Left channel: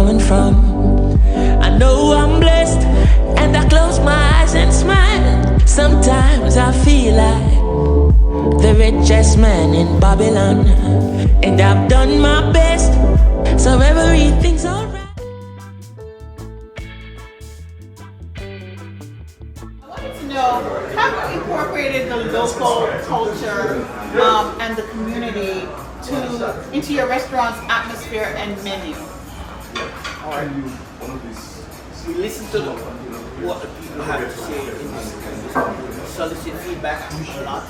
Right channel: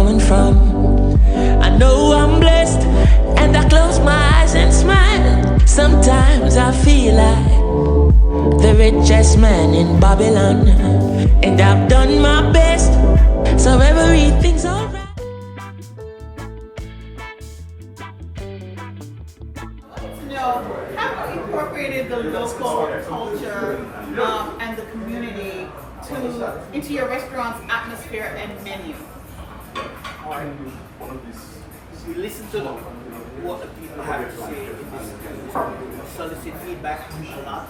coming from. I know I'm blessed, and I close my eyes and smile. Sometimes I feel like the richest man in Babylon, and I've done my best, so everything's alright. Have you incorporated the local culture and the community into your restaurant's atmosphere and menu? We listen to what the people have to say in this community. Solicit feedback a lot.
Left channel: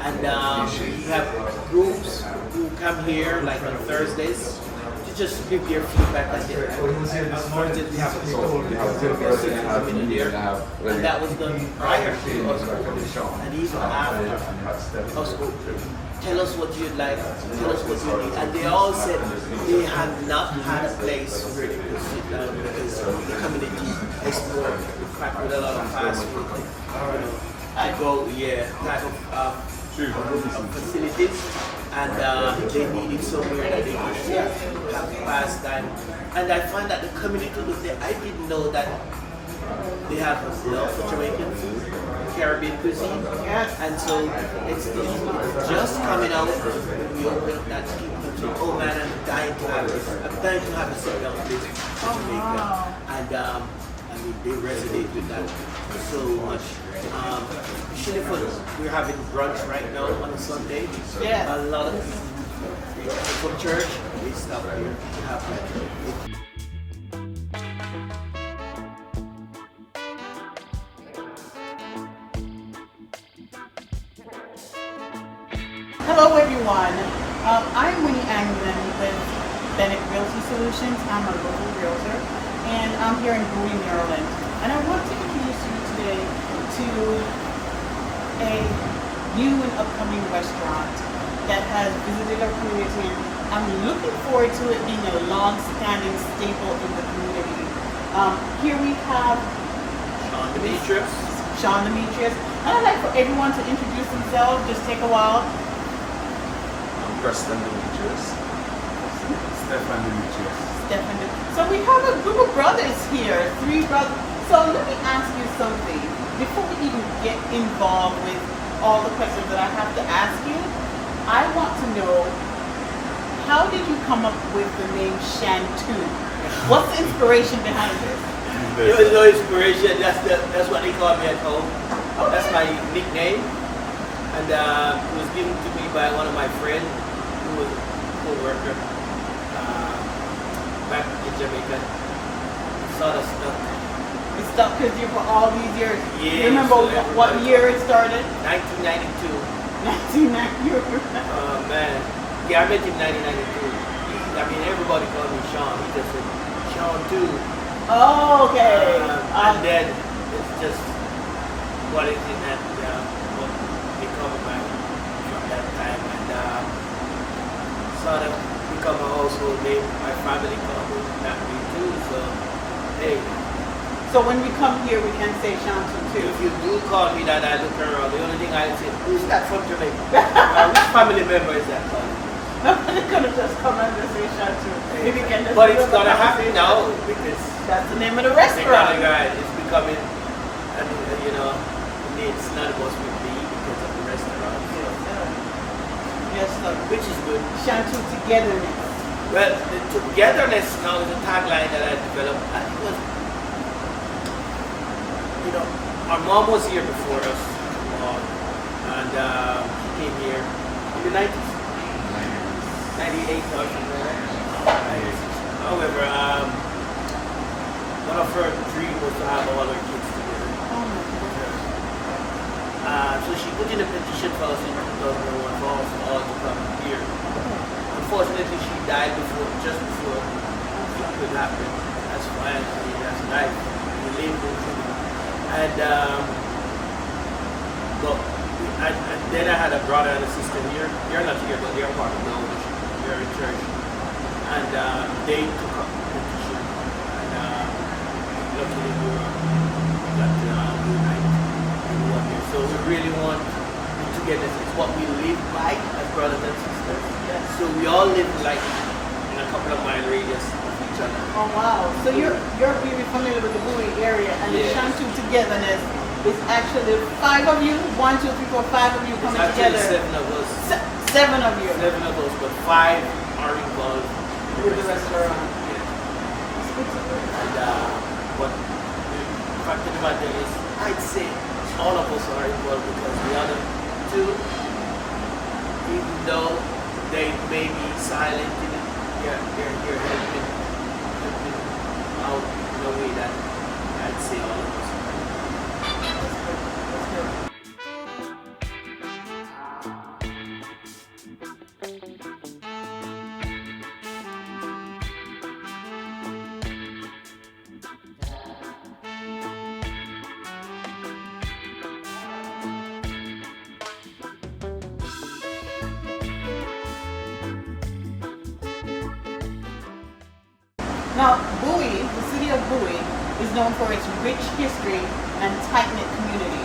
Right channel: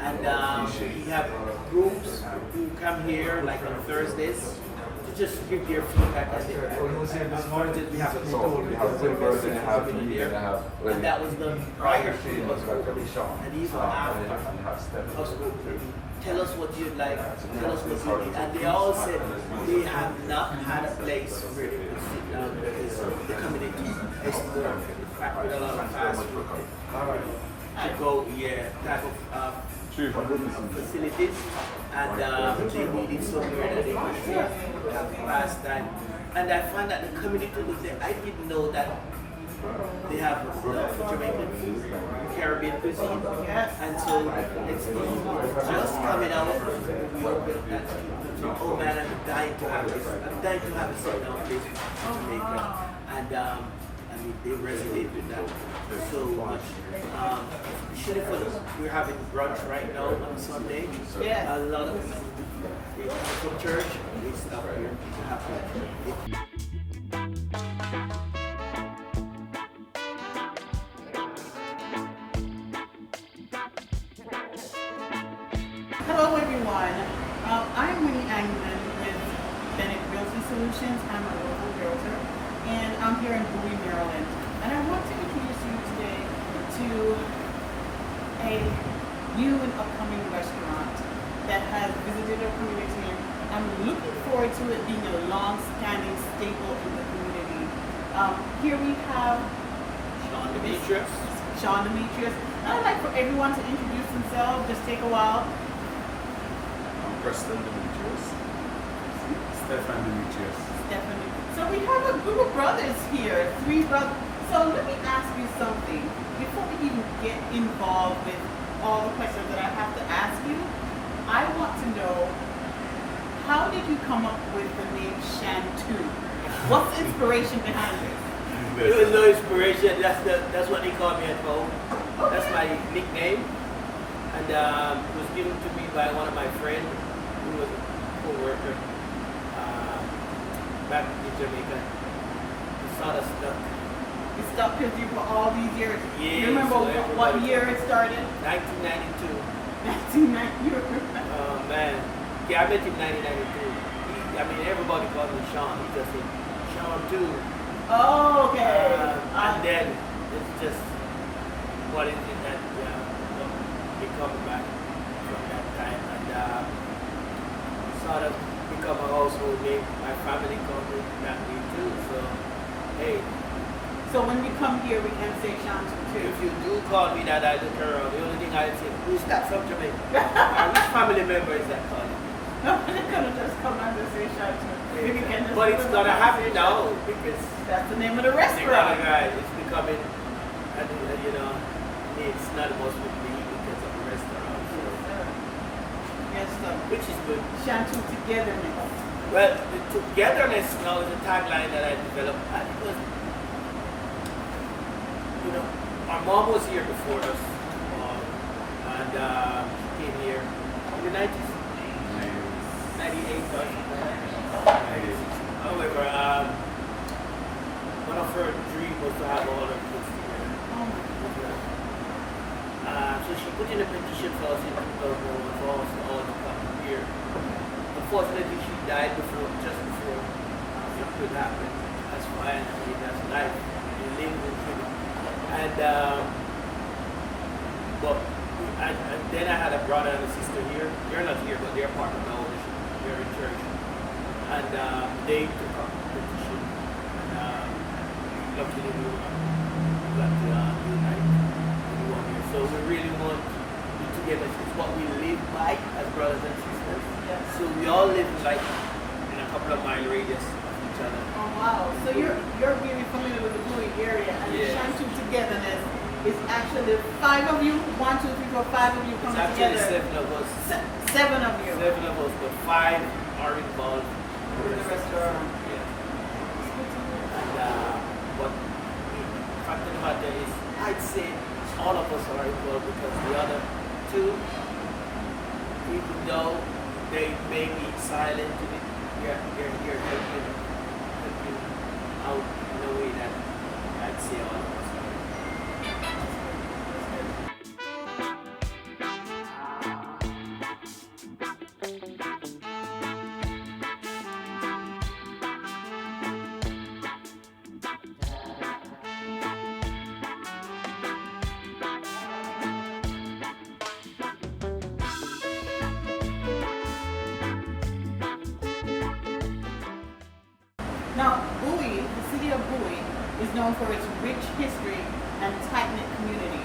And we have groups who come here like on Thursdays to just give their feedback. And on Thursdays we have a person coming in here, and that was done prior to us opening, and even after us opening. Tell us what you'd like, tell us what you need. And they all said they have not had a place where they could sit down because the community is more packed with a lot of fast food, to go, type of facilities, and they needed somewhere that they could sit, have pastime. And I find that the community was there. I didn't know that they have a love for Jamaican food, Caribbean cuisine, and so it's just coming out when we open that people say, oh man, I'm dying to have this. I'm dying to have a sit-down place in Jamaica. And I mean, they resonate with that so much. Especially for we're having brunch right now on a Sunday. A lot of people from church, they stop here to have that. Hello everyone, I'm Winnie Anglin with Realtor Solutions. I'm a local realtor, and I'm here in Bowie, Maryland. And I want to introduce you today to a new and upcoming restaurant that has visited our community. I'm looking forward to it being a long-standing staple in the community. Here we have Sean Demetrius. And I'd like for everyone to introduce themselves. Just take a while. Preston Demetrius. Stefan Demetrius. So we have a group of brothers here, 3 brothers. So let me ask you something. Before we even get involved with all the questions that I have to ask you, I want to know, how did you come up with the name Shantoo? What's the inspiration behind this? There was no inspiration. That's what they call me at home. Okay. That's my nickname. And it was given to me by one of my friends who was a co-worker back in Jamaica. It sort of stuck. It stuck because you for all these years. Yeah. You remember what year it started? 1992. 1992. Oh man. Yeah, I met him in 1992. I mean, everybody called me Sean. He just said, Shantoo. Oh, okay. And then it's just what is it that become back from that time, and sort of become a household name. My family called me that name too, so hey. So when we come here, we can say Shantoo too. If you do call me that, I look around. The only thing I say, who's that from Jamaica? Which family member is that calling me? Nobody's gonna just come and just say Shantoo. Hey, but it's gonna happen now because that's the name of the restaurant. It's becoming, you know, it's not supposed to be because of the restaurant. Yes, sir. Which is good. Shantoo Togetherness. Well, the Togetherness now is a tagline that I developed. I think it was, you know, our mom was here before us, and she came here in the 90s. 98 or something like that. However, one of her dreams was to have all her kids together. So she put in a petition for us in 2001 for us all to come here. Unfortunately, she died just before it could happen. That's fine. I mean, that's life. We live with it. And then I had a brother and a sister here. They're not here, but they're part of the ownership. They're in church. And they took up the petition. And luckily we got to unite everyone here. So we really want the togetherness. It's what we live like as brothers and sisters. Yes. So we all live like in a couple of mile radius of each other. Oh wow! So you're really familiar with the Bowie area, and Yes. the Shantoo Togetherness is actually 5 of you. 1, 2, 3, 4, 5 of you It's coming actually together. 7 of us. 7 of you 7 of us, but 5 are involved in with the restaurant. Yeah. It's good to hear. And but the fact of the matter is, I'd say all of us are involved because the other 2, even though they may be silent in it, they're helping out in a way that I'd say all of us are. That's good. Now, Bowie, the city of Bowie, is known for its rich history and tight-knit community,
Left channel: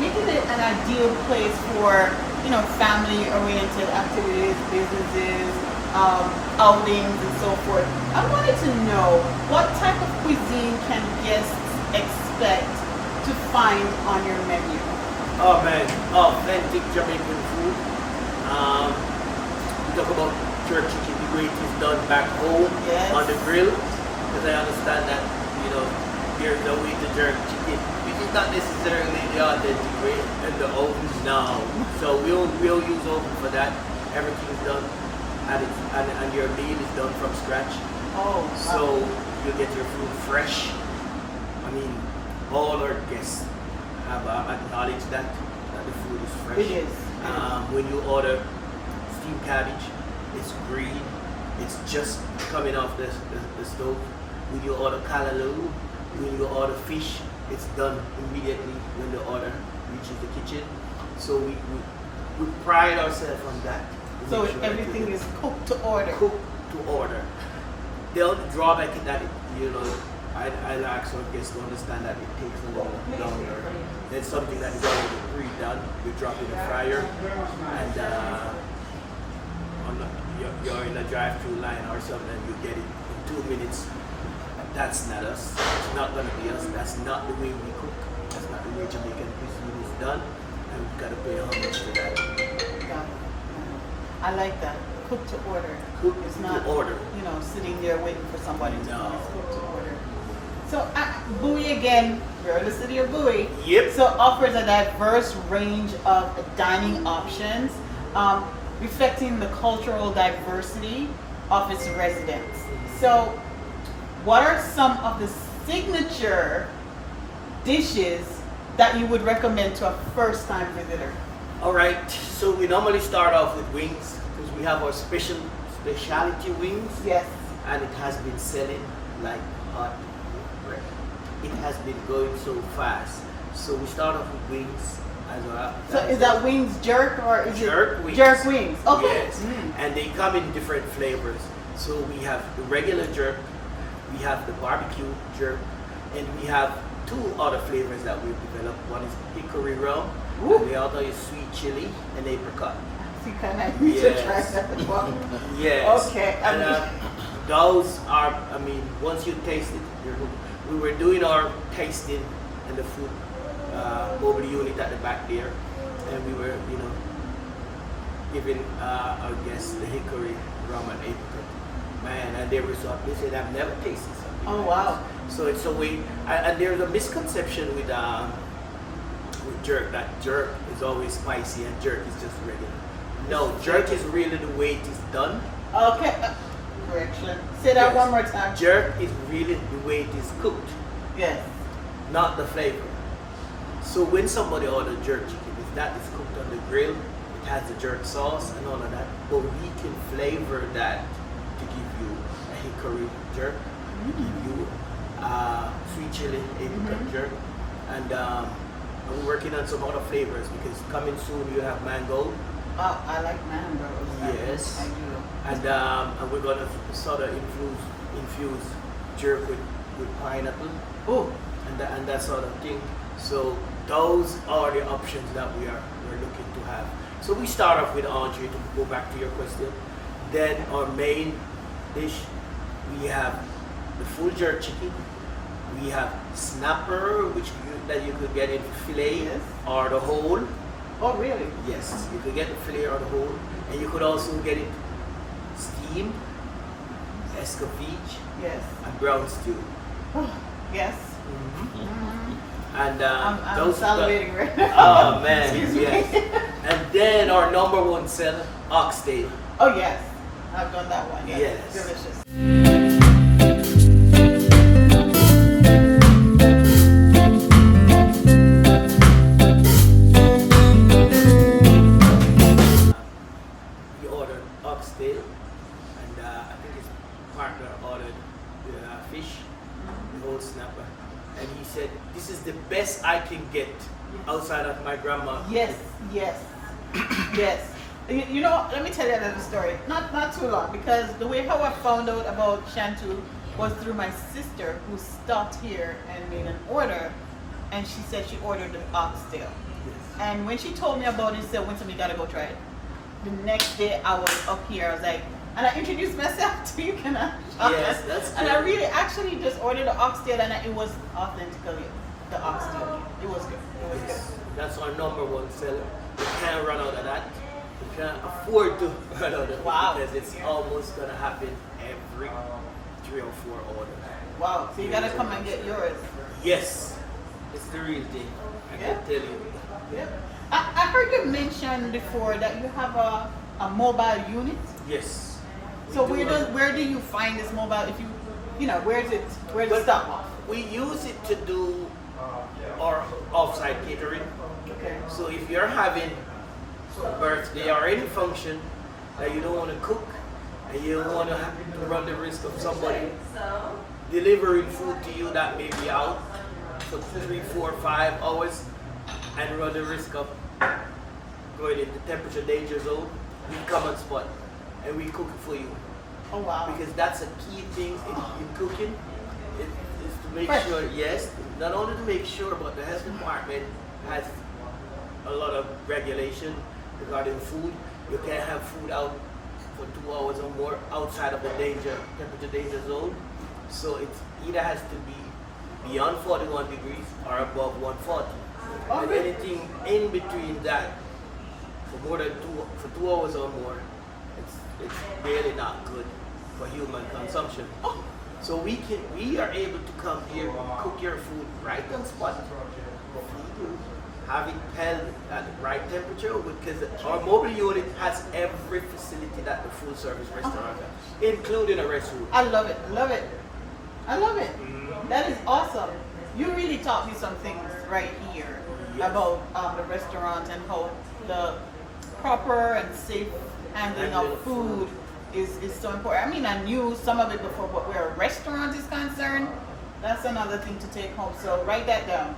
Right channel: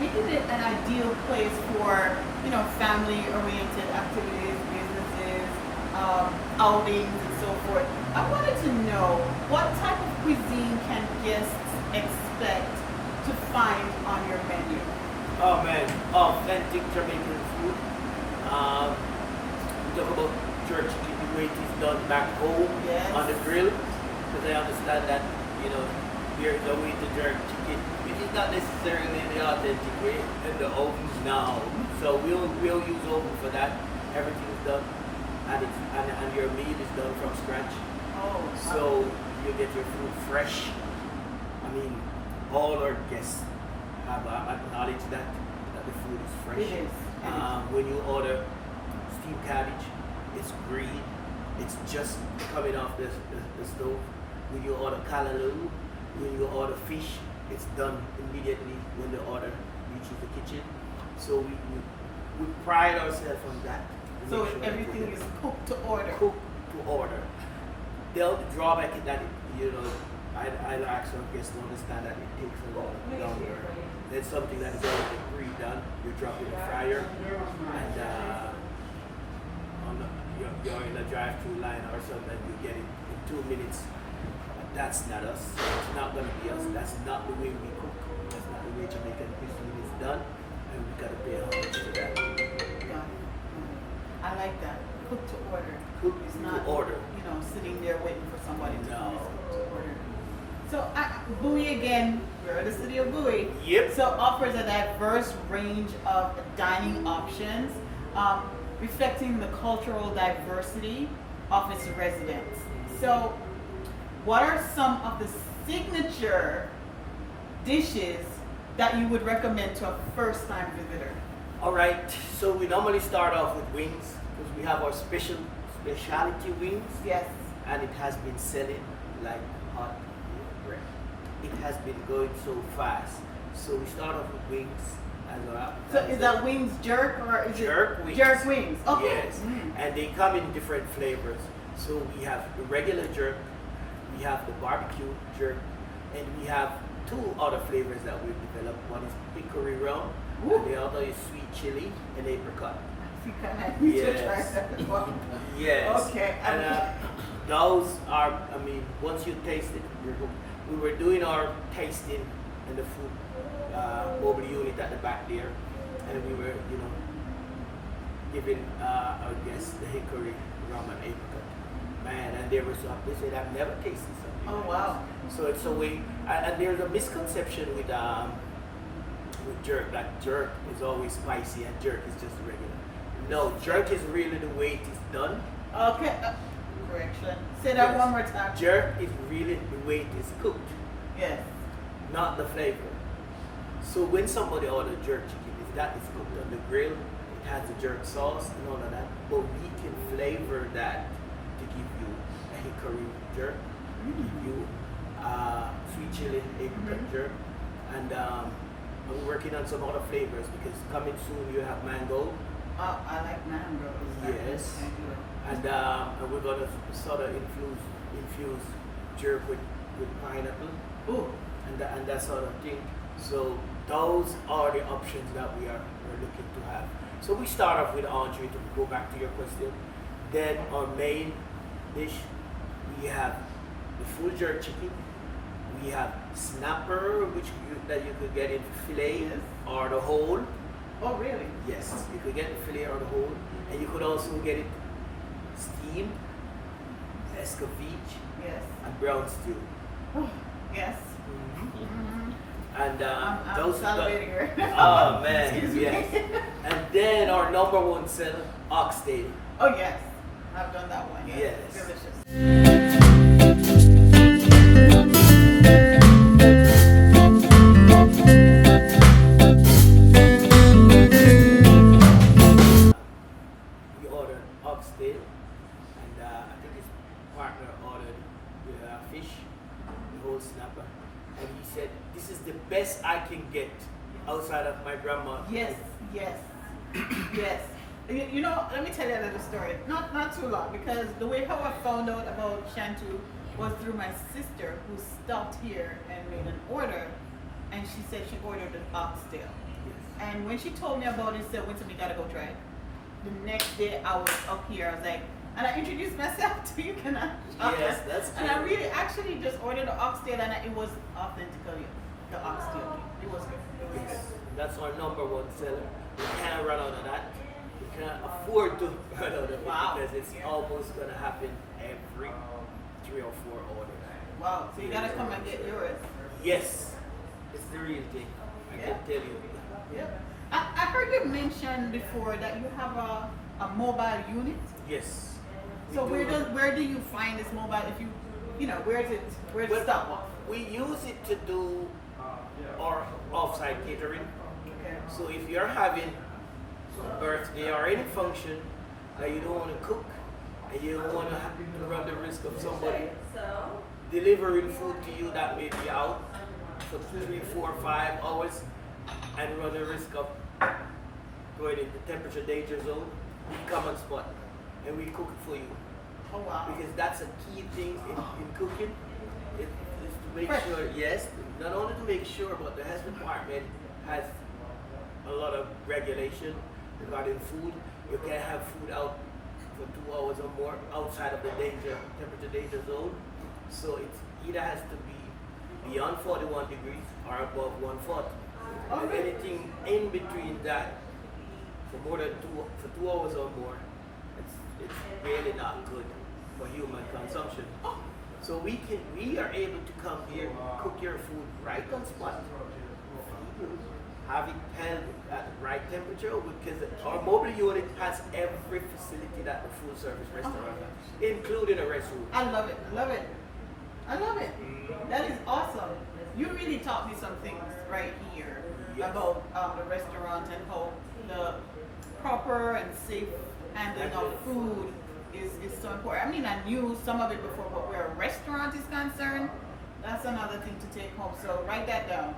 making it an ideal place for, family-oriented activities, businesses, outings, and so forth. I wanted to know, what type of cuisine can guests expect to find on your menu? Oh man, authentic Jamaican food. We talk about jerk chicken, the way it is done back home Yes. on the grill, because I understand that, there's a way to jerk chicken. It is not necessarily the authentic way in the oven now. So we'll use oven for that. Everything is done, and your meal is done from scratch. Oh, So you get your food fresh. I mean, all our guests have acknowledged that the food is fresh. It is. When you order steamed cabbage, it's green. It's just coming off the stove. When you order callaloo, when you order fish, it's done immediately when the order reaches the kitchen. So we pride ourselves on that. to so make sure that everything you is cooked to order. cooked to order. The only drawback is that I'll ask our guests to understand that it takes a little longer. That's something that is already pre-done. We drop in the fryer, and you're in a drive-through line or something, you get it in 2 minutes. That's not us. It's not gonna be us. That's not the way we cook. That's not the way Jamaican cuisine is done, and we've got to pay homage to that. Yeah. I like that. Cook to order. Cook It's to not, order. sitting there waiting for somebody to No. come. It's cook to order. So Bowie again, we're in the city of Bowie. Yep. So offers a diverse range of dining options, reflecting the cultural diversity of its residents. So what are some of the signature dishes that you would recommend to a first-time visitor? All right. So we normally start off with wings because we have our specialty wings. Yes. And it has been selling like hot bread. It has been going so fast. So we start off with wings as our So appetizer. is that wings jerk or is Jerk it wings. jerk wings? Okay. Yes. Mm. And they come in different flavors. So we have the regular jerk, we have the barbecue jerk, and we have 2 other flavors that we've developed. One is hickory rum, Ooh. and the other is sweet chili and apricot. So can I need to try Yes. that one? Yes. Okay. And those are, once you taste it, you're hooked. We were doing our tasting in the food mobile unit at the back there, and we were, giving our guests the hickory rum and apricot. Man, and they were so happy. They said, I've never tasted something. Oh, like wow. this." So it's a way, and there's a misconception with jerk that jerk is always spicy and jerk is just regular. No, jerk is really the way it is done. Okay. Correction. Say that Yes. one more time. Jerk is really the way it is cooked, Yes. not the flavor. So when somebody orders jerk chicken, that is cooked on the grill. It has the jerk sauce and all of that, but we can flavor that to give you a hickory jerk, give you sweet chili apricot jerk, and we're working on some other flavors because coming soon you have mango. Oh, I like mangoes. Yes. I do. And we're gonna sort of infuse jerk with pineapple Ooh. and that sort of thing. So those are the options that we're looking to have. So we start off with entree to go back to your question. Then our main dish We have the full jerk chicken. We have snapper, that you could get in filet Yes. or the whole. Oh, really? Yes, you could get the filet or the whole, and you could also get it steamed, escovitch, Yes. and brown stew. Oh, yes. And I'm those salivating right now. Oh man, Excuse me. yes. And then our number one seller, oxtail. Oh, yes. I've done that one. Yes. Yes. Delicious. He ordered oxtail, and I think his partner ordered the fish, the whole snapper. And he said, "This is the best I can get outside of my grandma." Yes, yes, yes. You know, let me tell you another story. Not too long, because the way how I found out about Shantoo was through my sister, who stopped here and made an order, and she said she ordered the oxtail. And when she told me about it, she said, "Winston, you gotta go try it." The next day I was up here, I was like, and I introduced myself to you, can I? Yes, that's And I good. really actually just ordered the oxtail, and it was authentically the oxtail. It was good. It was Yes, good. that's our number one seller. We can't run out of that. We can't afford to run out of it Wow. because it's almost gonna happen every 3 or 4 orders. Wow, so you gotta come and get yours. Yes, it's the real thing. I Yeah. can tell you. Yeah. I heard you mention before that you have a mobile unit. Yes. we So do have- where do you find this mobile? If you know, where's it stop off? We use it to do our offsite catering. Okay. So if you're having a birthday or any function that you don't want to cook and you don't want to have to run the risk of somebody delivering food to you that may be out for 3, 4, 5 hours and run the risk of going in the temperature danger zone, we come on spot and we cook it for you. Oh wow. Because that's a key thing in cooking. It is to make Fresh. sure, yes, not only to make sure, but the health department has a lot of regulation regarding food. You can't have food out for 2 hours or more outside of the temperature danger zone. So it either has to be beyond 41 degrees or above 140. Oh, And really? anything in between that for more than 2 hours or more, it's really not good for human consumption. Oh, So we are able to come here, cook your food right on spot, feed you, have it held at the right temperature, because our mobile unit has every facility that the full service restaurant has, including a restroom. I love it. I love it. I love it. Mm-hmm. That is awesome. You really taught me some things right here Yes. about the restaurant and how the proper and safe handling of food is so important. I mean, I knew some of it before, but where a restaurant is concerned, that's another thing to take home. So write that down.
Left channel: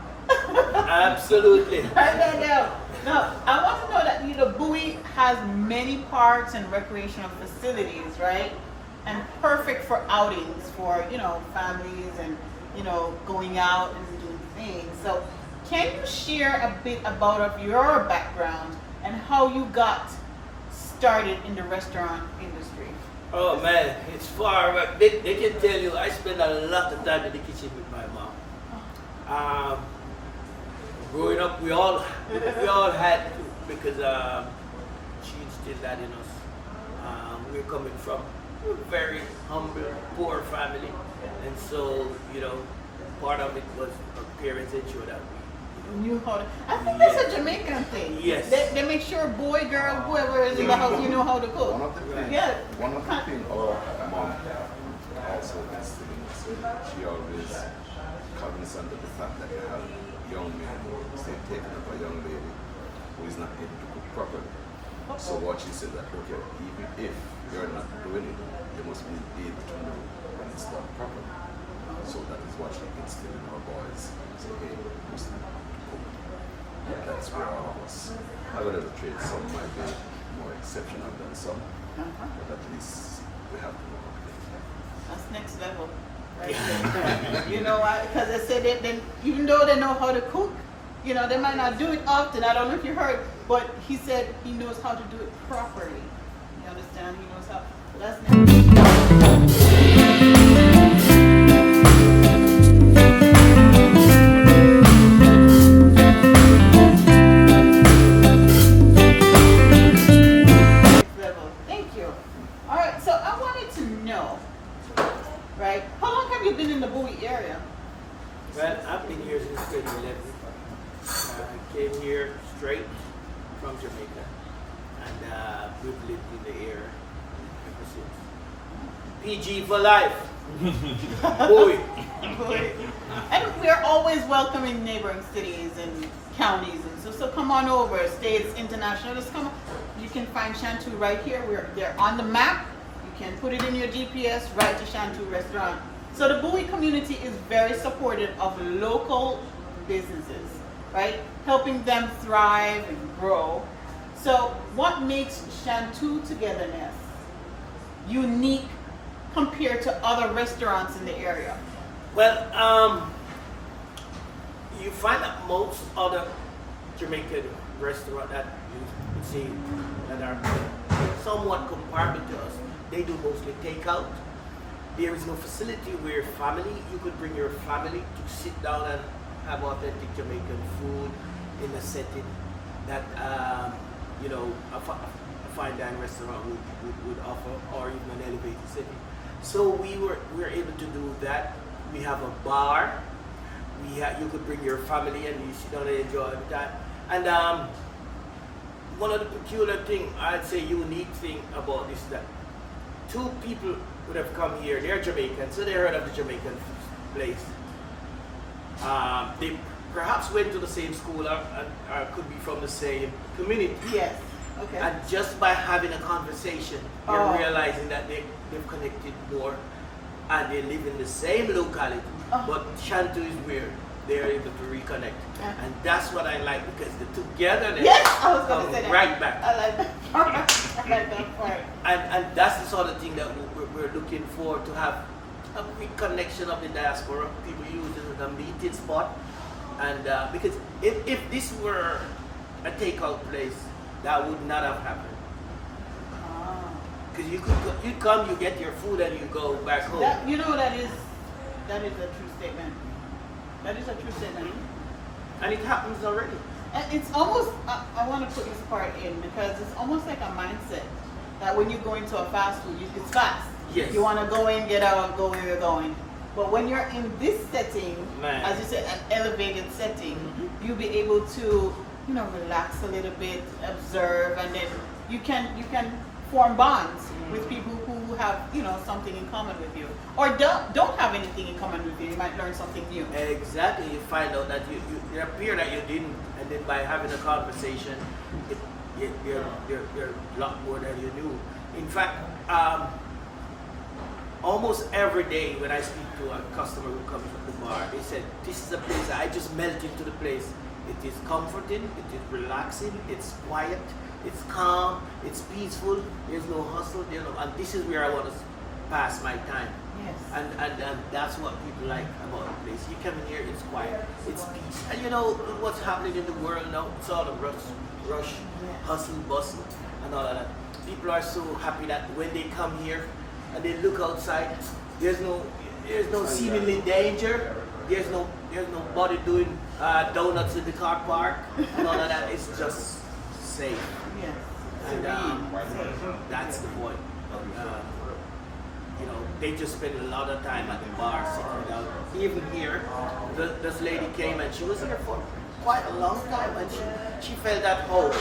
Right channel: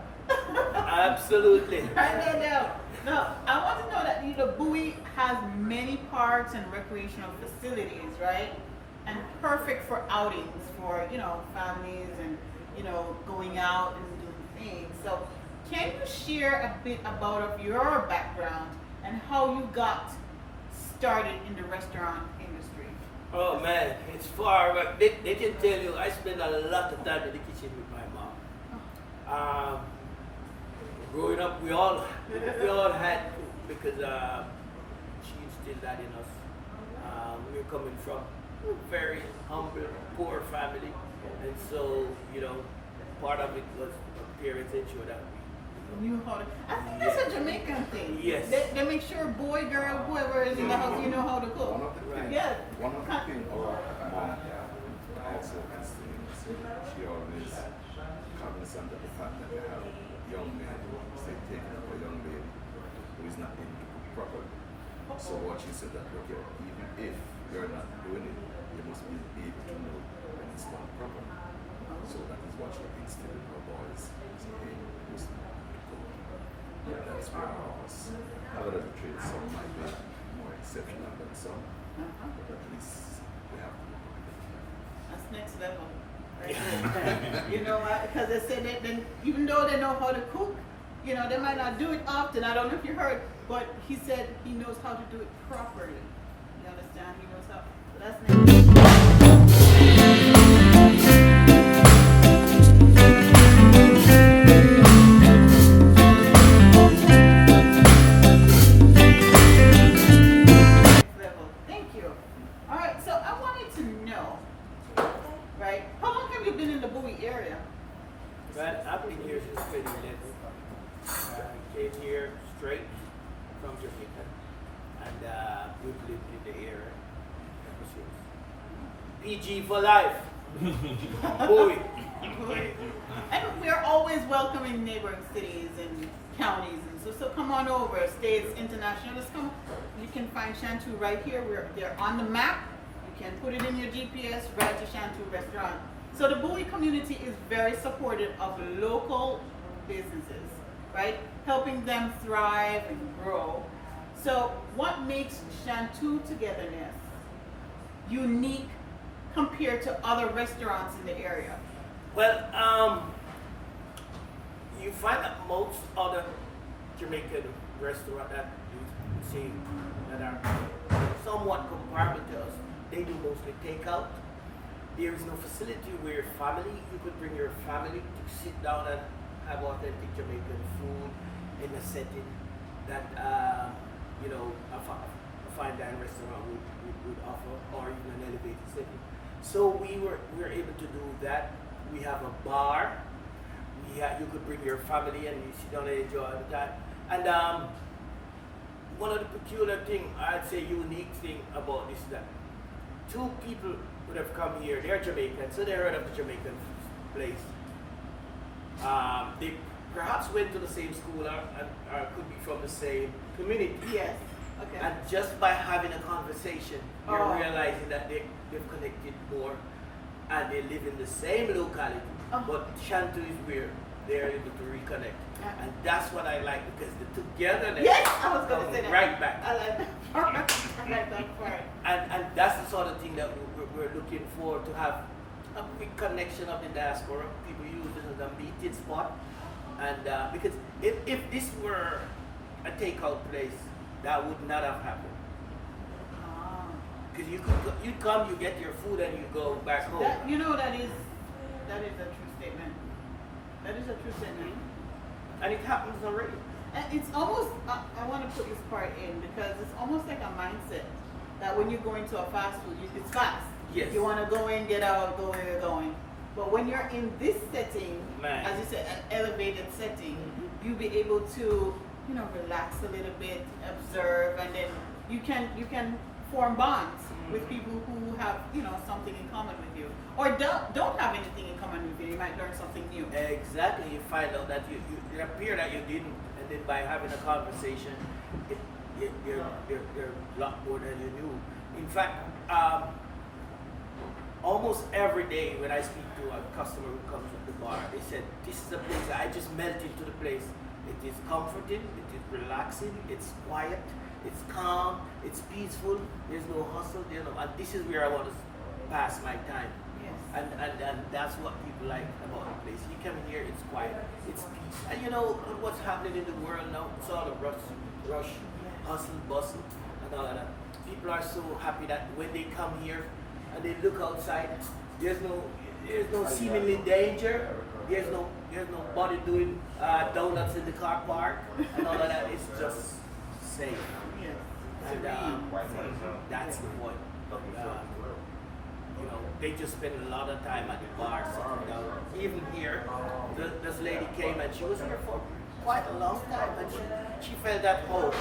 Absolutely. Write that down. Now, I want to know that Bowie has many parks and recreational facilities, right? And perfect for outings for, families and, going out and doing things. So can you share a bit about your background and how you got started in the restaurant industry? Oh man, it's far back. They can tell you I spend a lot of time in the kitchen with my mom. Growing up, we all had to, because she instilled that in us. We're coming from a very humble, poor family, and so part of it was our parents ensure that we Knew how to. I think that's a Jamaican thing. Yes. They make sure boy, girl, whoever is in the house, you know how to cook. One of the things, Yeah. one of the things our mom also instilled in us, she always cognizant of the fact that you have young men, say, taking up a young lady who is not able to cook properly. So what she said that, okay, even if you're not doing it, you must be able to know when it's done properly. So that is what she instilled in our boys. So hey, you must know how to cook. That's where all of us, whatever trade, some might be more exceptional than some, but at least we have to know how to do it. That's next level. Right there. You know why? Because I said that even though they know how to cook, they might not do it often. I don't know if you heard, but he said he knows how to do it properly. You understand? He knows how. So that's next. time you been in the Bowie area? Well, I've been here since 2011. I came here straight from Jamaica, and we've lived in the area ever since. PG for life. Boy. And we're always welcoming neighboring cities and counties, and so come on over. States, international, just come. You can find Shantoo right here. They're on the map. You can put it in your GPS, right to Shantoo restaurant. So the Bowie community is very supportive of local businesses, right? Helping them thrive and grow. So what makes Shantoo Togetherness unique compared to other restaurants in the area? Well, you find that most other Jamaican restaurants that you see that are somewhat comparable to us, they do mostly takeout. There is no facility where you could bring your family to sit down and have authentic Jamaican food in a setting that a fine dining restaurant would offer, or even an elevated setting. So we were able to do that. We have a bar. You could bring your family and you sit down and enjoy the time. And one of the peculiar thing, I'd say unique thing about this is that two people would have come here. They're Jamaican, so they heard of the Jamaican place. They perhaps went to the same school or could be from the same community. Yes. Okay. And just by having a conversation, you're realizing that they've connected more and they live in the same locality. But Shantoo is where they're able to reconnect. And that's what I like, because the togetherness I was going to say that. right back. I like that part. I like that part. And that's the sort of thing that we're looking for, to have a quick connection of the diaspora. People use it as a meeting spot. And because if this were a takeout place, that would not have happened. Because you come, you get your food, and you go back home. That is a true statement. That is a true statement. And it happens already. And it's almost, I want to put this part in, because it's almost like a mindset that when you go into a fast food, it's fast. Yes. You want to go in, get out, go where you're going. But when you're in this setting, as you said, an elevated setting, you'll be able to, relax a little bit, observe, and then you can form bonds with people who have, something in common with you, or don't have anything in common with you. You might learn something new. Exactly. You find out that it appear that you didn't, and then by having a conversation, you're a lot more than you knew. In fact, almost every day when I speak to a customer who comes at the bar, they said, "This is a place that I just melt into the place. It is comforting, it is relaxing, it's quiet, it's calm, it's peaceful, there's no hustle, and this is where I want to pass my time." Yes. And that's what people like about the place. You come in here, it's quiet, it's peace. And what's happening in the world now, it's all the rush, hustle, bustle, and all of that. People are so happy that when they come here and they look outside, there's no seemingly danger. There's nobody doing donuts in the car park and all of that. It's just safe. Yes. And that's the point. They just spend a lot of time at the bar sitting down. Even here, this lady came and she was here for quite a long time, and she felt at home.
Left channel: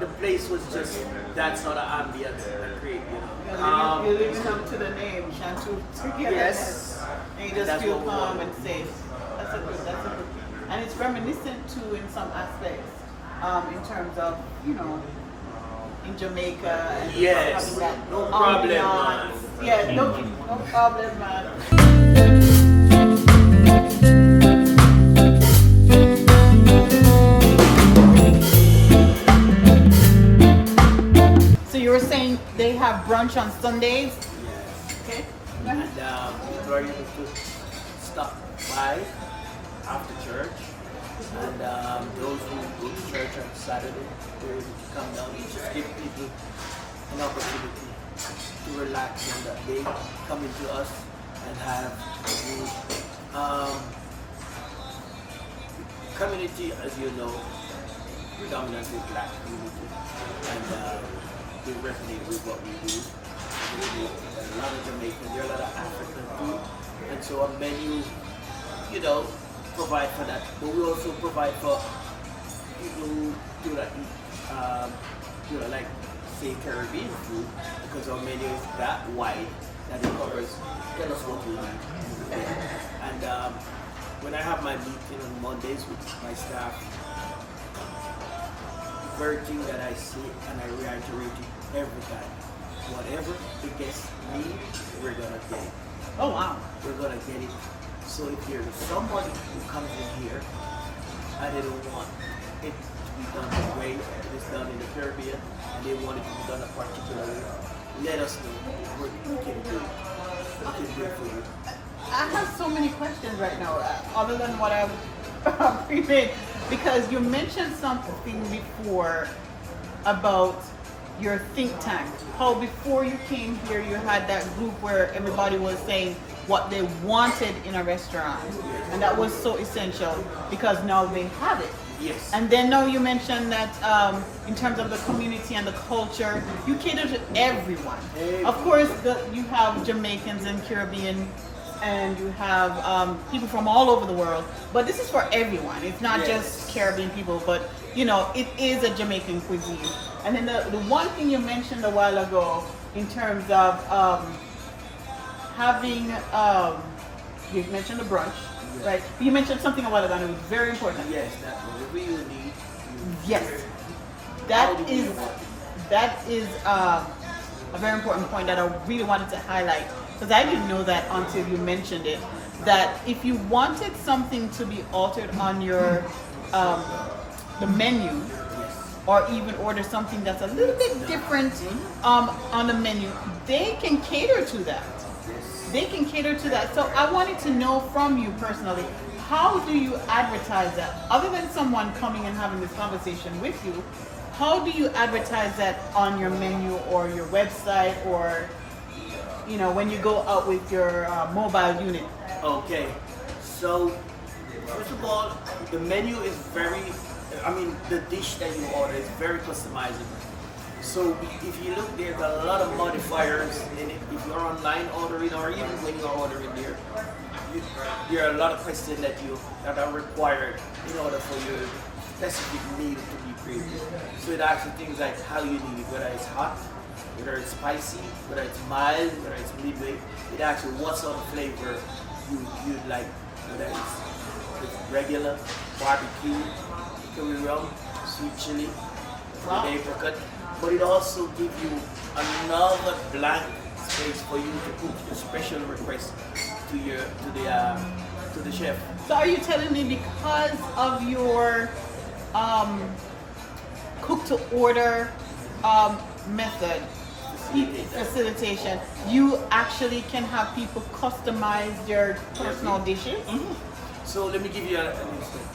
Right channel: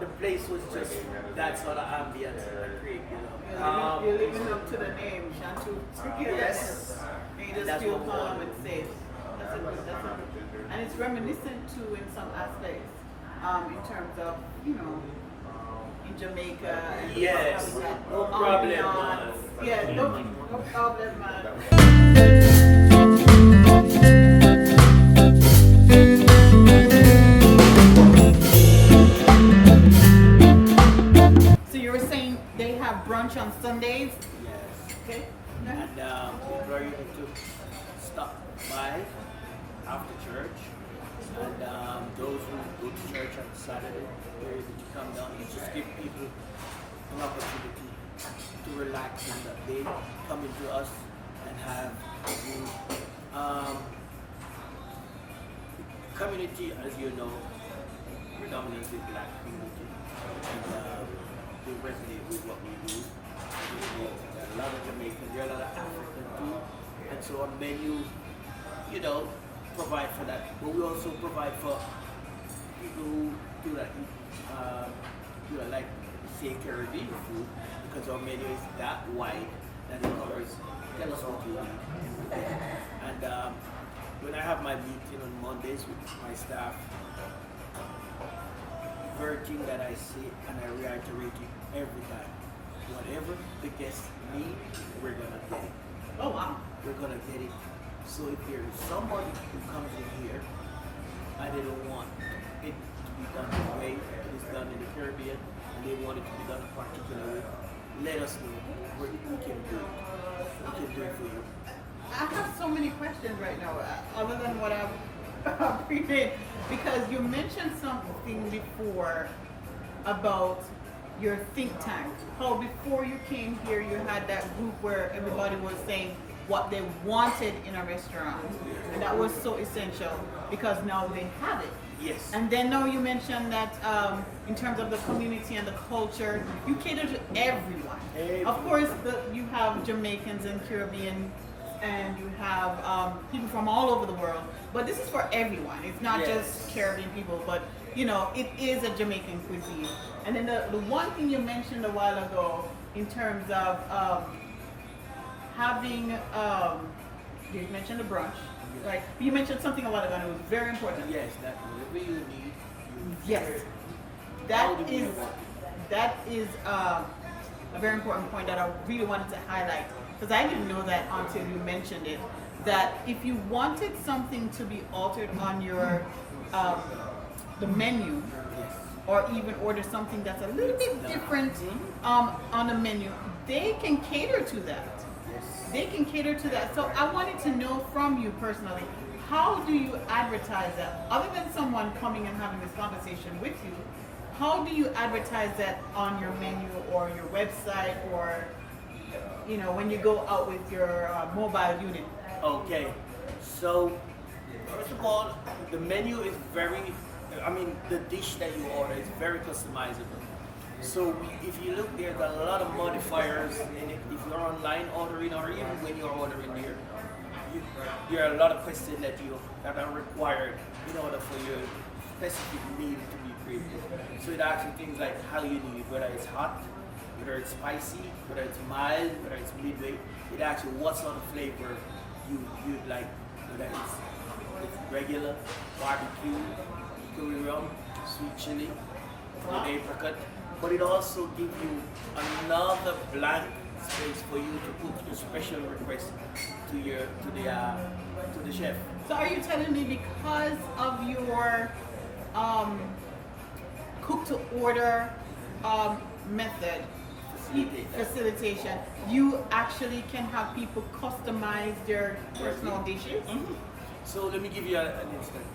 The place was just that sort of ambience that create, You're living up to the name, Shantoo Togetherness. Yes. And you just feel calm and safe. That's a good. And it's reminiscent too in some aspects, in terms of, in Jamaica and yes. having that No problem, ambiance. man. Yeah, no problem, man. So you were saying they have brunch on Sundays? Yes. Okay. And people are able to stop by after church. And those who go to church on Saturday, they're able to come down and just give people an opportunity to relax in that day, come into us and have food. Community, as you know, predominantly black community, and they resonate with what we do. a lot of Jamaican, there are a lot of African too. And so our menu, you know, provide for that. But we also provide for people who do that eat, you know, like say Caribbean food, because our menu is that wide that it covers. Tell us what you need. Yeah. And when I have my meeting on Mondays with my staff, very thing that I say and I reiterate it every time. Whatever the guests need, we're gonna get it. Oh wow. We're gonna get it. So if there is somebody who comes in here and they don't want it to be done the way it is done in the Caribbean and they want it to be done a particular way, let us know. We can do it. We can do it for you. I have so many questions right now, other than what I've prepared, because you mentioned something before about your think tank. How before you came here, you had that group where everybody was saying what they wanted in a restaurant, and that was so essential because now they have it. Yes. And then now you mentioned that in terms of the community and the culture, you cater to everyone. Of course, you have Jamaicans and Caribbean, and you have people from all over the world, but this is for everyone. It's not Yes. just Caribbean people, but you know, it is a Jamaican cuisine. And then the one thing you mentioned a while ago in terms of having, you mentioned the brunch, Yes. right? You mentioned something a while ago and it was very important. Yes, that whatever you need, you Yes. How That do you is, want it? that is a very important point that I really wanted to highlight, because I didn't know that until you mentioned it, that if you wanted something to be altered on your the menu, Yes. or even order something that's a little bit different on the menu, they can cater to that. Yes. They can cater to that. So I wanted to know from you personally, how do you advertise that? Other than someone coming and having this conversation with you, how do you advertise that on your menu or your website, or you know, when you go out with your mobile unit? Okay. So first of all, the menu is the dish that you order is very customizable. So if you look, there's a lot of modifiers in it. If you're online ordering, or even when you're ordering there, there are a lot of questions that are required in order for your specific meal to be created. So it asks you things like how you need it, whether it's hot, whether it's spicy, whether it's mild, whether it's midway. It asks you what sort of flavor you'd like, whether it's regular, barbecue, hickory rum, sweet chili, with apricot. But it also gives you another blank space for you to put your special request to the chef. So are you telling me because of your cook to order method, facilitation, you actually can have people customize their personal dishes? Mhm. So let me give you an instance.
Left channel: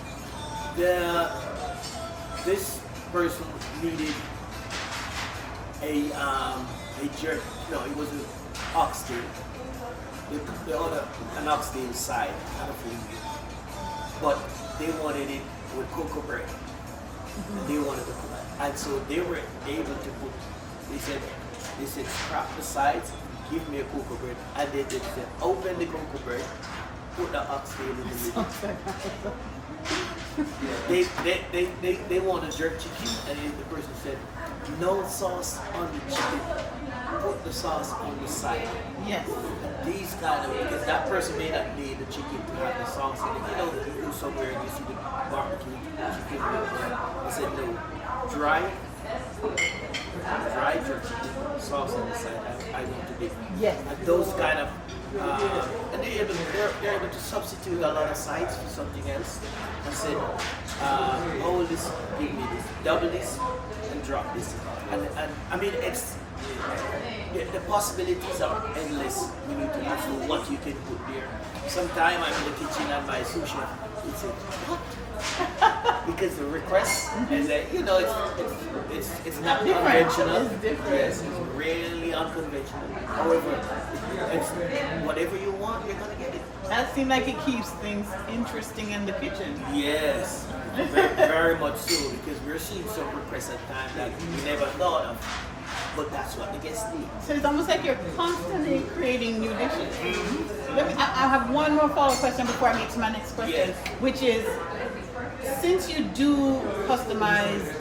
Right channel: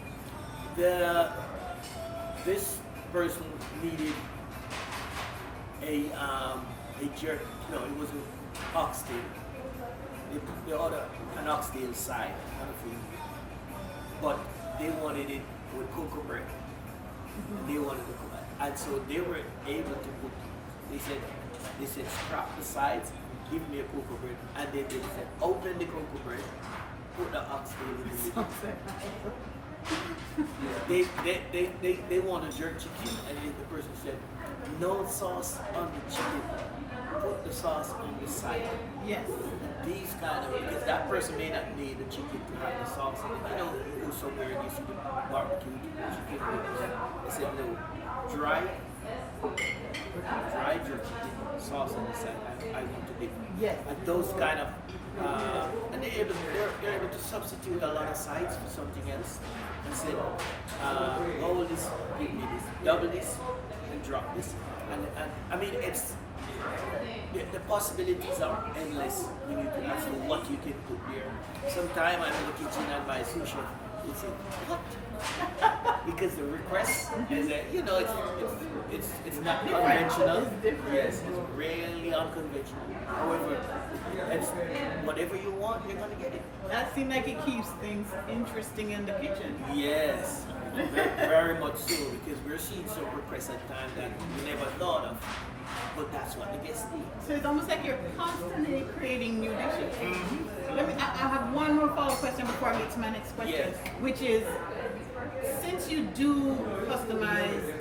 This person needed a jerk. No, it was an oxtail. They ordered an oxtail side, not a fillet, but they wanted it with cocoa bread. And they wanted to cook it, and so they were able to put. They said scrap the sides, give me a cocoa bread, and they said open the cocoa bread, put the oxtail in the middle. They wanted jerk chicken, and the person said, no sauce on the chicken, put the sauce on the side. Yes. And these because that person may not need the chicken to have the sauce in it. You know, you go somewhere and you see the barbecue chicken they said no, dry jerk chicken, sauce on the side. I want to dip. Yes. And those kind of, and they're able to substitute a lot of sides for something else. And said, hold this, give me this, double this, and drop this. And I mean, it's the possibilities are endless when you as to what you can put there. Sometime I'm in the kitchen and my sous chef will say, what? Because the request is that, you know, it's not conventional. It's different. Yes, it's really unconventional. However, it's whatever you want, you're gonna get it. That seems like it keeps things interesting in the kitchen. Yes, very, very much so, because we're seeing some requests at times that we never thought of. but that's what the guests need. So it's almost like you're constantly creating new dishes. I have one more follow-up question before I get to my next question, Yes. which is, since you do customized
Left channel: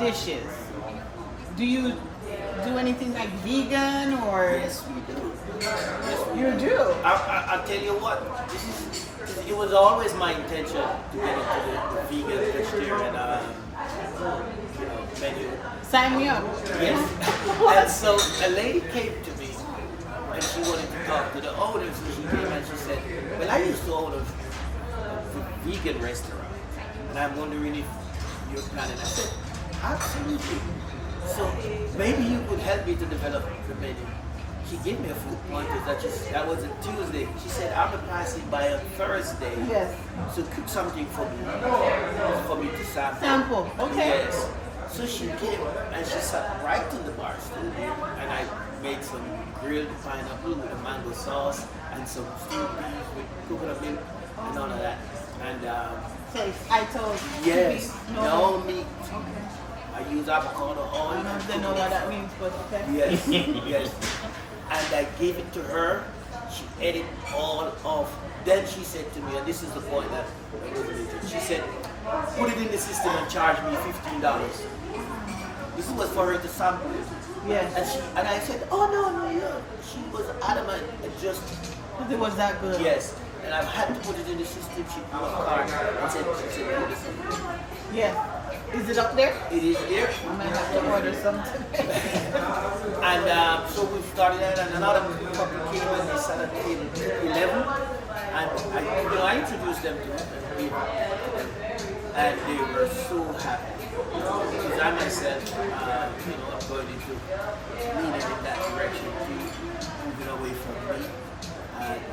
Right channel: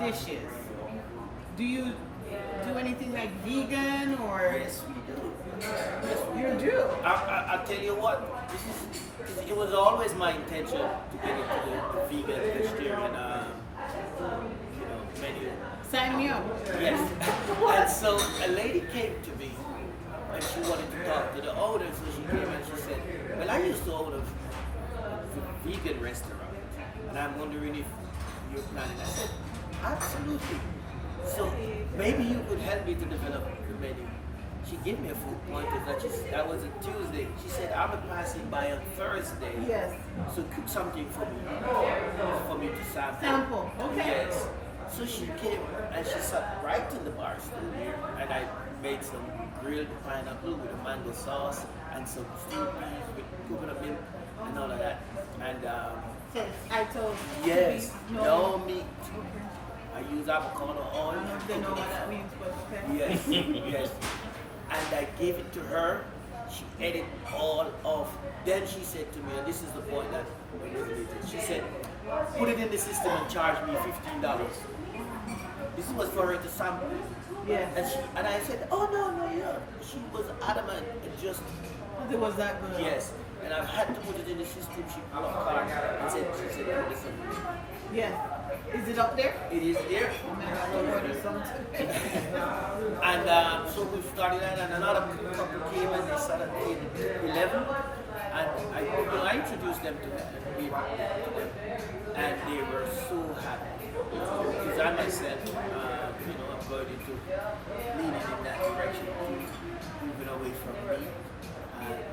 dishes, do you do anything like vegan or? Yes, we do. Yes, we You do? I'll tell you what, it was always my intention to get into the vegan, vegetarian menu. Sign me up. Yes. And so a lady came to me and she wanted to talk to the owners, and she came and she said, well, I used to own a vegan restaurant and I'm wondering if you're planning. I said, absolutely. So maybe you could help me to develop the menu. She gave me a few pointers. That was a Tuesday. She said, I'm passing by on Thursday. Yes. So cook something for me to sample. Sample. Okay. Yes. So she came and she sat right in the bar stool here, and I made some grilled pineapple with a mango sauce and some stewed beef with coconut milk and all of that. And So I told yes, no. no meat. Okay. I use avocado oil. I don't know if they know what that means, but okay. Yes, yes. And I gave it to her. She ate it all off. Then she said to me, and this is the point that resonated. She said, put it in the system and charge me $15. This was for her to sample it. Yes. And I said, oh no, yeah. She was adamant and just It was that good. yes. And I had to put it in the system. She put a card and said, put this in. Yeah. Is it up there? It is there. I might have to order something. And so we started that, and another couple came and they sat at table 11, and I introduced them to it and gave it to them, and they were so happy. Because I myself, I'm going into leaning in that direction, moving away from meat,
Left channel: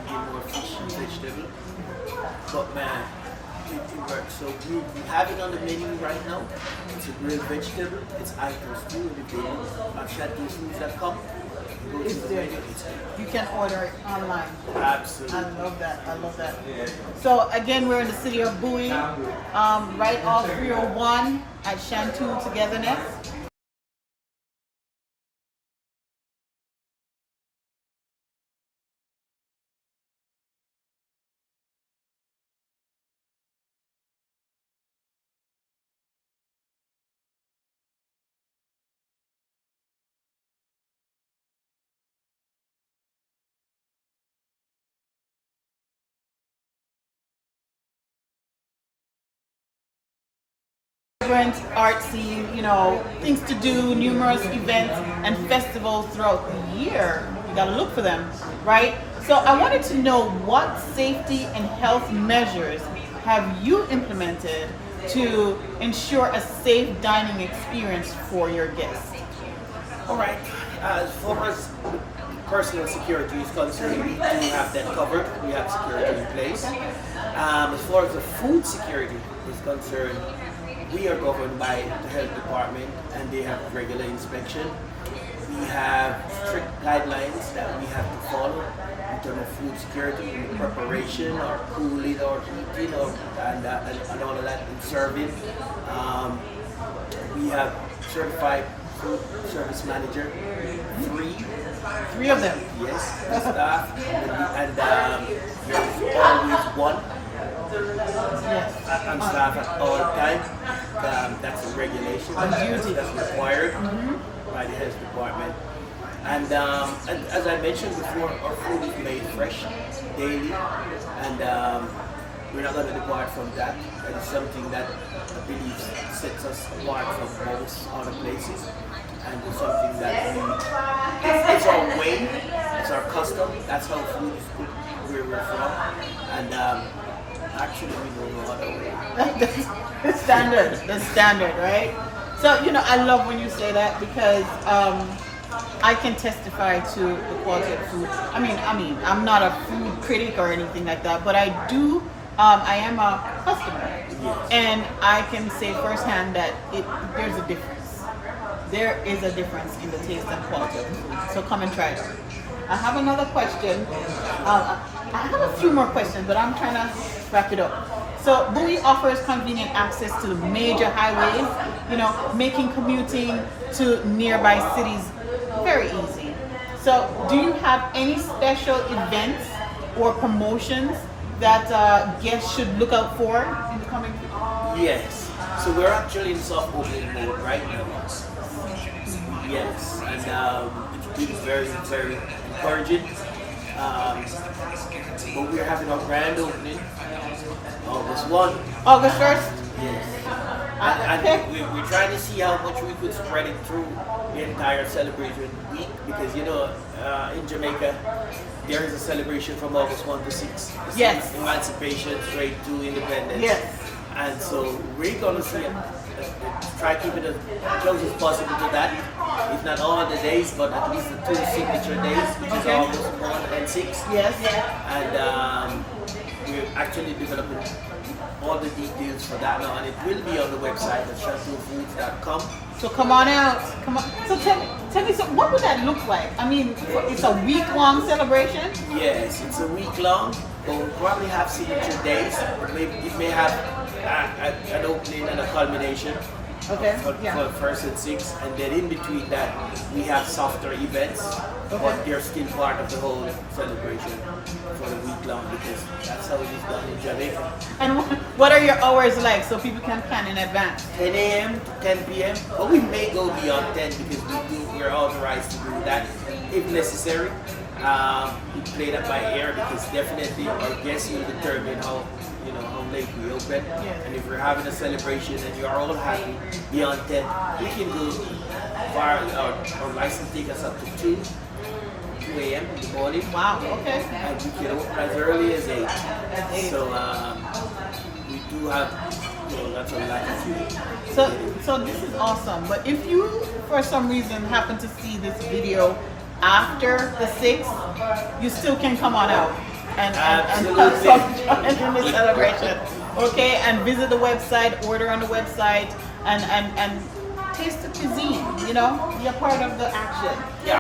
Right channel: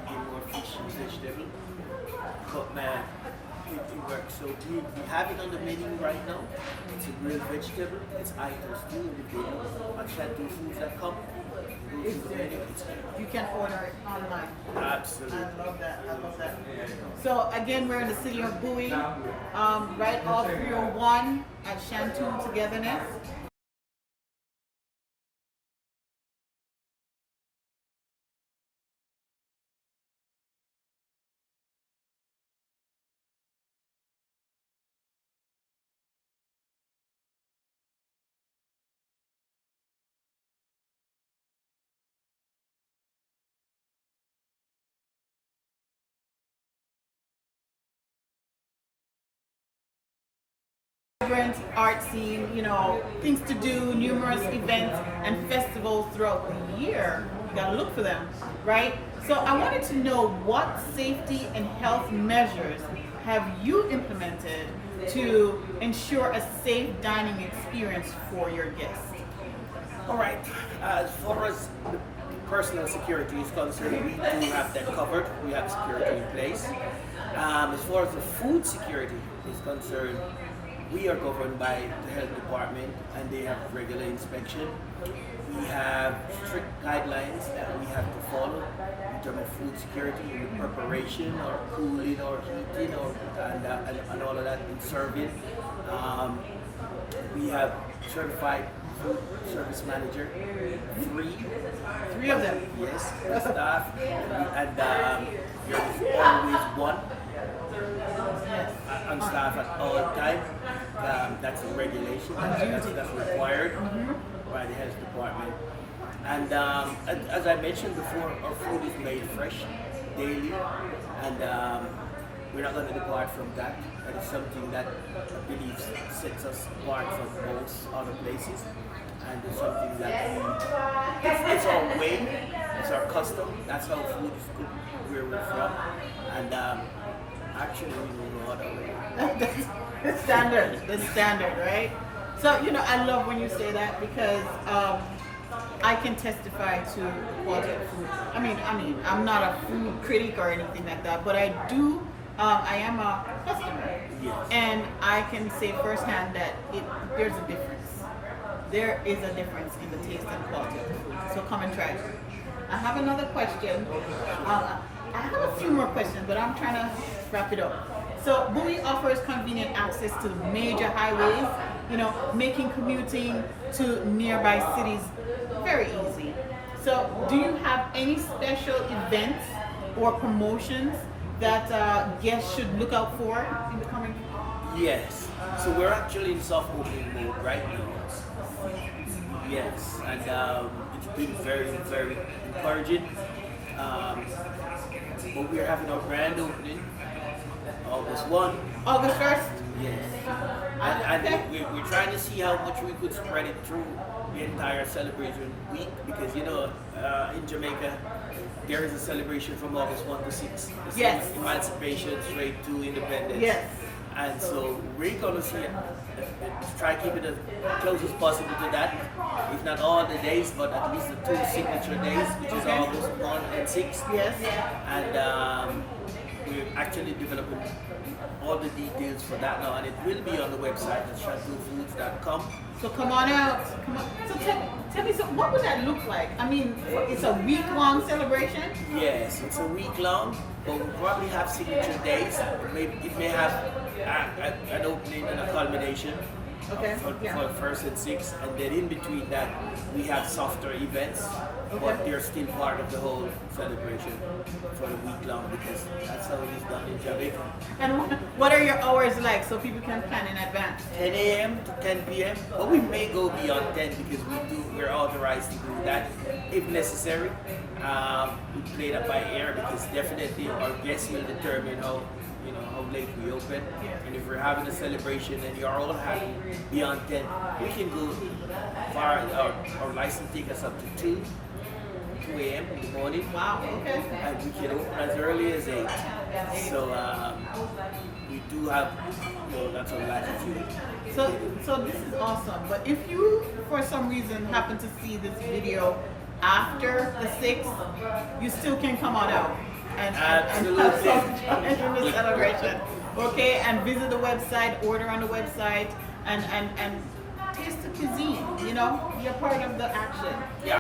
eating more fish and vegetable. But man, it works. So we have it on the menu right now. It's a grilled vegetable. It's items too. And if they do on ShantooFoods.com, go to the menu. It's there. You can order it online. Absolutely. I love that. I love that. So again, we're in the city of Bowie, right off 301 at Shantoo Togetherness. Vibrant art scene, things to do, numerous events and festivals throughout the year. You gotta look for them, right? So I wanted to know, what safety and health measures have you implemented to ensure a safe dining experience for your guests? All right. As far as the personal security is concerned, we do have that covered. We have security in place. As far as the food security is concerned, we are governed by the health department and they have regular inspection. We have strict guidelines that we have to follow in terms of food security, in the preparation or cooling or heating and all of that in serving. We have certified food service manager, Three of them. yes, the staff, and there's always one Yes. on staff at all times. That's a regulation. That's required by the health department. And as I mentioned before, our food is made fresh daily, and we're not going to depart from that. That is something that I believe sets us apart from most other places, and it's something that it's our way, it's our custom. That's how food is cooked where we're from, and actually we don't know other way. The standard, right? So, I love when you say that, because I can testify to the quality of food. I mean, I'm not a food critic or anything like that, but I do, I am a customer. Yes. And I can say firsthand that there's a difference. There is a difference in the taste and quality of the food. So come and try it. I have another question. I have a few more questions, but I'm trying to wrap it up. So Bowie offers convenient access to major highways, making commuting to nearby cities very easy. So, do you have any special events or promotions that guests should look out for in the coming future? Yes. So we're actually in soft opening mode right now. Yes, and it's been very, very encouraging. But we're having our grand opening August 1. August 1st? Yes. And we're trying to see how much we could spread it through the entire celebration week because, you know, in Jamaica, there is a celebration from August 1 to 6. It's Yes. Emancipation straight to independence. Yes. And so we're going to see try to keep it as close as possible to that. If not all the days, but at least the 2 signature days, which is August 1 and 6. Yes. And we're actually developing all the details for that now, and it will be on the website at shantoofoods.com. So come on out. Come on. So tell me, so what would that look like? I mean, it's a week-long celebration? Yes, it's a week long, but we'll probably have signature days. It may have an opening and a culmination. Okay, For first and 6, and then in between that we have softer events, but they're still part of the whole celebration for the week long because that's how it is done in Jamaica. And what are your hours like so people can plan in advance? 10 a.m. to 10 p.m. But we may go beyond 10 because we're authorized to do that if necessary. We play that by ear because definitely our guests will determine how late we open. And if we're having a celebration and you're all happy beyond 10, we can go far. Our license take us up to 2 a.m. in the morning. Wow, okay. And we can open as early as 8. So we do have lots of latitude. So this is awesome. But if you, for some reason, happen to see this video after the 6th, you still can come on out and Absolutely. join in the celebration. Okay, and visit the website, order on the website, and taste the cuisine. You know, be a part of the action. Yeah.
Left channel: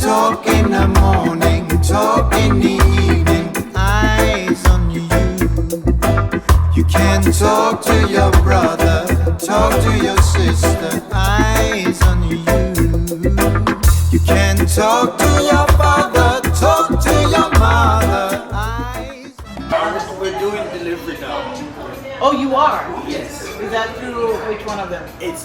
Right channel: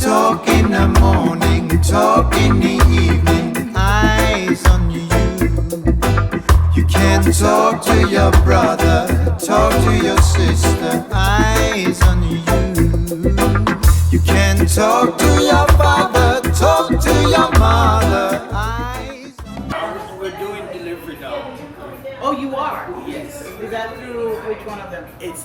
Talk in the morning, talk in the evening, eyes on you. You can talk to your brother, talk to your sister, eyes on you. You can talk to your father, talk to your mother, eyes. We're doing delivery now. Oh, you are? Yes. Is that through which one of them? It's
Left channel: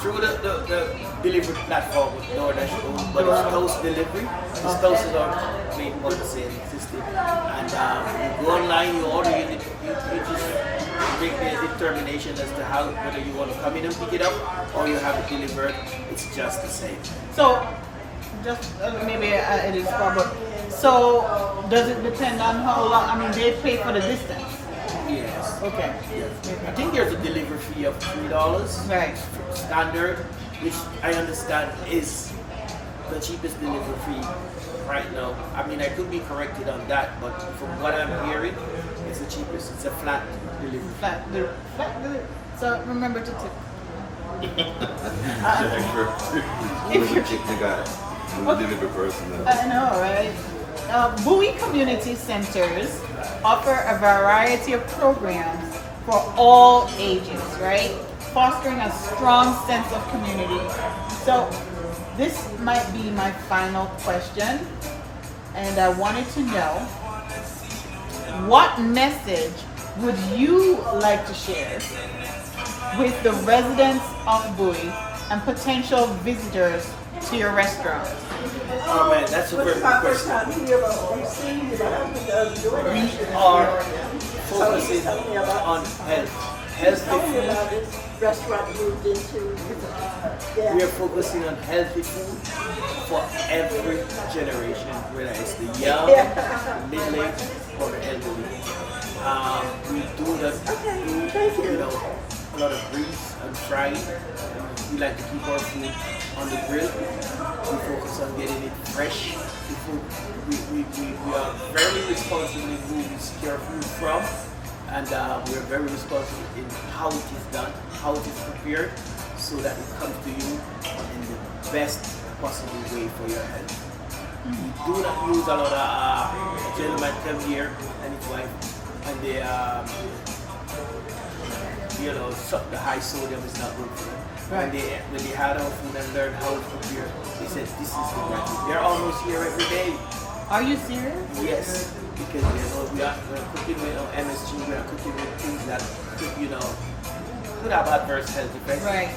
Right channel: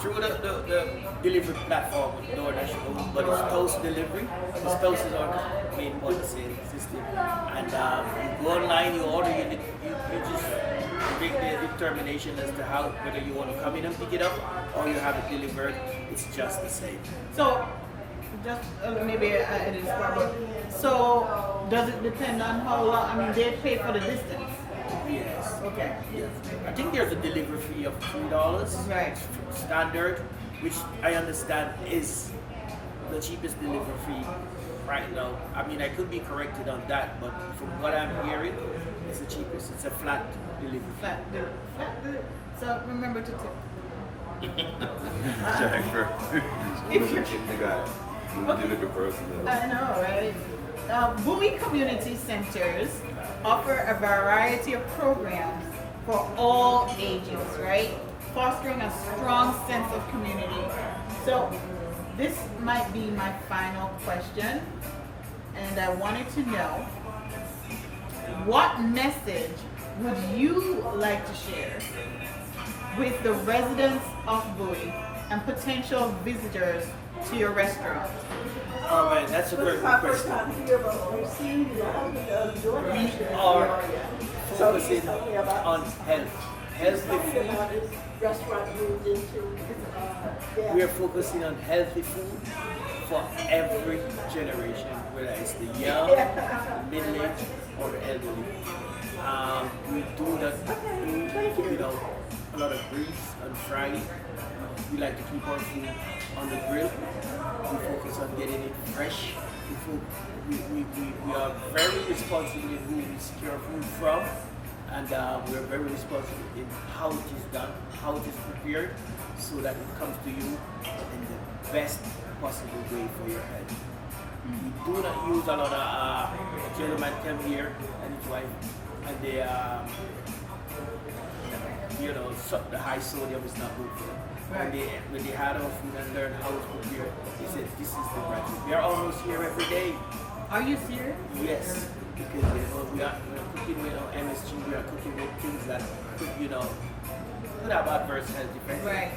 through the delivery platform with DoorDash, but it's Toast Delivery. This Toast is our main point of sale system. And you go online, you order, you just make the determination as to whether you want to come in and pick it up or you have it delivered. It's just the same. So, just maybe it is probably. So, does it depend on how long? I mean, they pay for the distance. Yes. Okay. Yes. I think there's a delivery fee of $3. Right. Standard, which I understand is the cheapest delivery fee right now. I mean, I could be corrected on that, but from what I'm hearing, it's the cheapest. It's a flat delivery fee. Flat. So remember to tip. You got it. We'll deliver person. I know, right? Bowie Community Centers offer a variety of programs for all ages, right? Fostering a strong sense of community. So this might be my final question, and I wanted to know, what message would you like to share with the residents of Bowie and potential visitors to your restaurant? Oh man, that's a very good question. We are focusing on healthy food. We are focusing on healthy food for every generation, whether it's the young, the middle-aged, or the elderly. We do a lot of grease and frying. We like to keep our food on the grill. We focus on getting it fresh. We are very responsible in who we secure food from, and we're very responsible in how it is done, how it is prepared, so that it comes to you in the best possible way for your health. We do not use a lot of a gentleman come here and his wife, and they the high sodium is not good for them. Right. When they had our food and learned how it's prepared, they said this is the right thing. They're almost here every day. Are you serious? Yes, because we're cooking with MSG, we are cooking with things that could have adverse health effects. Right.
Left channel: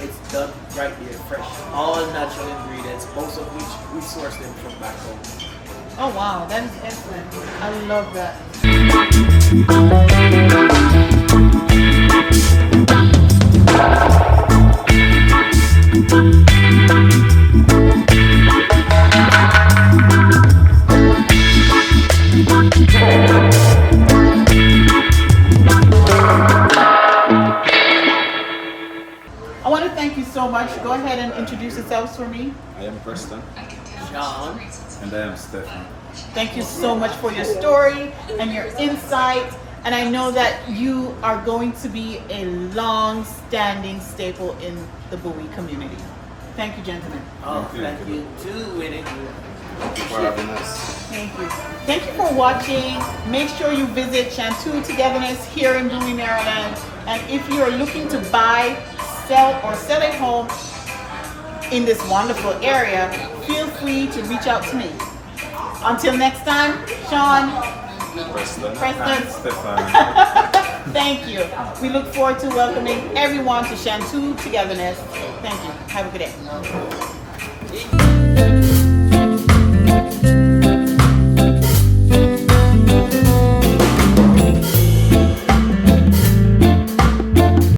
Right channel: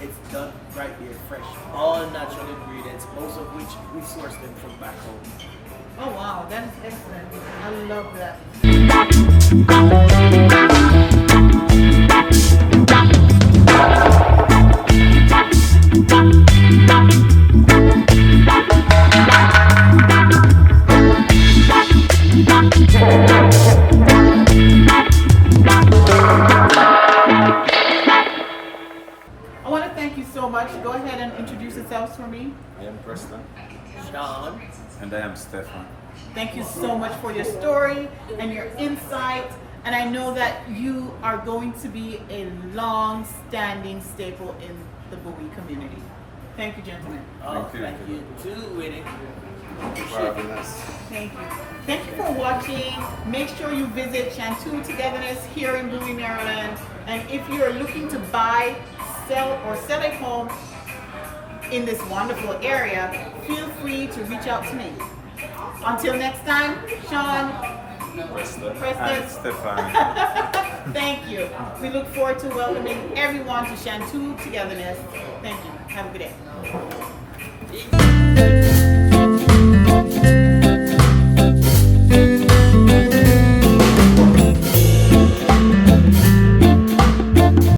It's done right here, fresh. All natural ingredients, most of which we source them from back home. Oh wow, that's excellent. I love that. I want to thank you so much. Go ahead and introduce yourselves for me. I am Preston. Sean, And I am Stefan. Thank you so much for your story and your insight. And I know that you are going to be a long-standing staple in the Bowie community. Thank you, gentlemen. thank you too, Winnie. Thank you for having us. Thank you. Thank you for watching. Make sure you visit Shantoo Togetherness here in Bowie, Maryland. And if you are looking to buy, sell, or sell a home in this wonderful area, feel free to reach out to me. Until next time, Sean, Preston. Preston. And Stefan. Thank you. We look forward to welcoming everyone to Shantoo Togetherness. Thank you. Have a good day.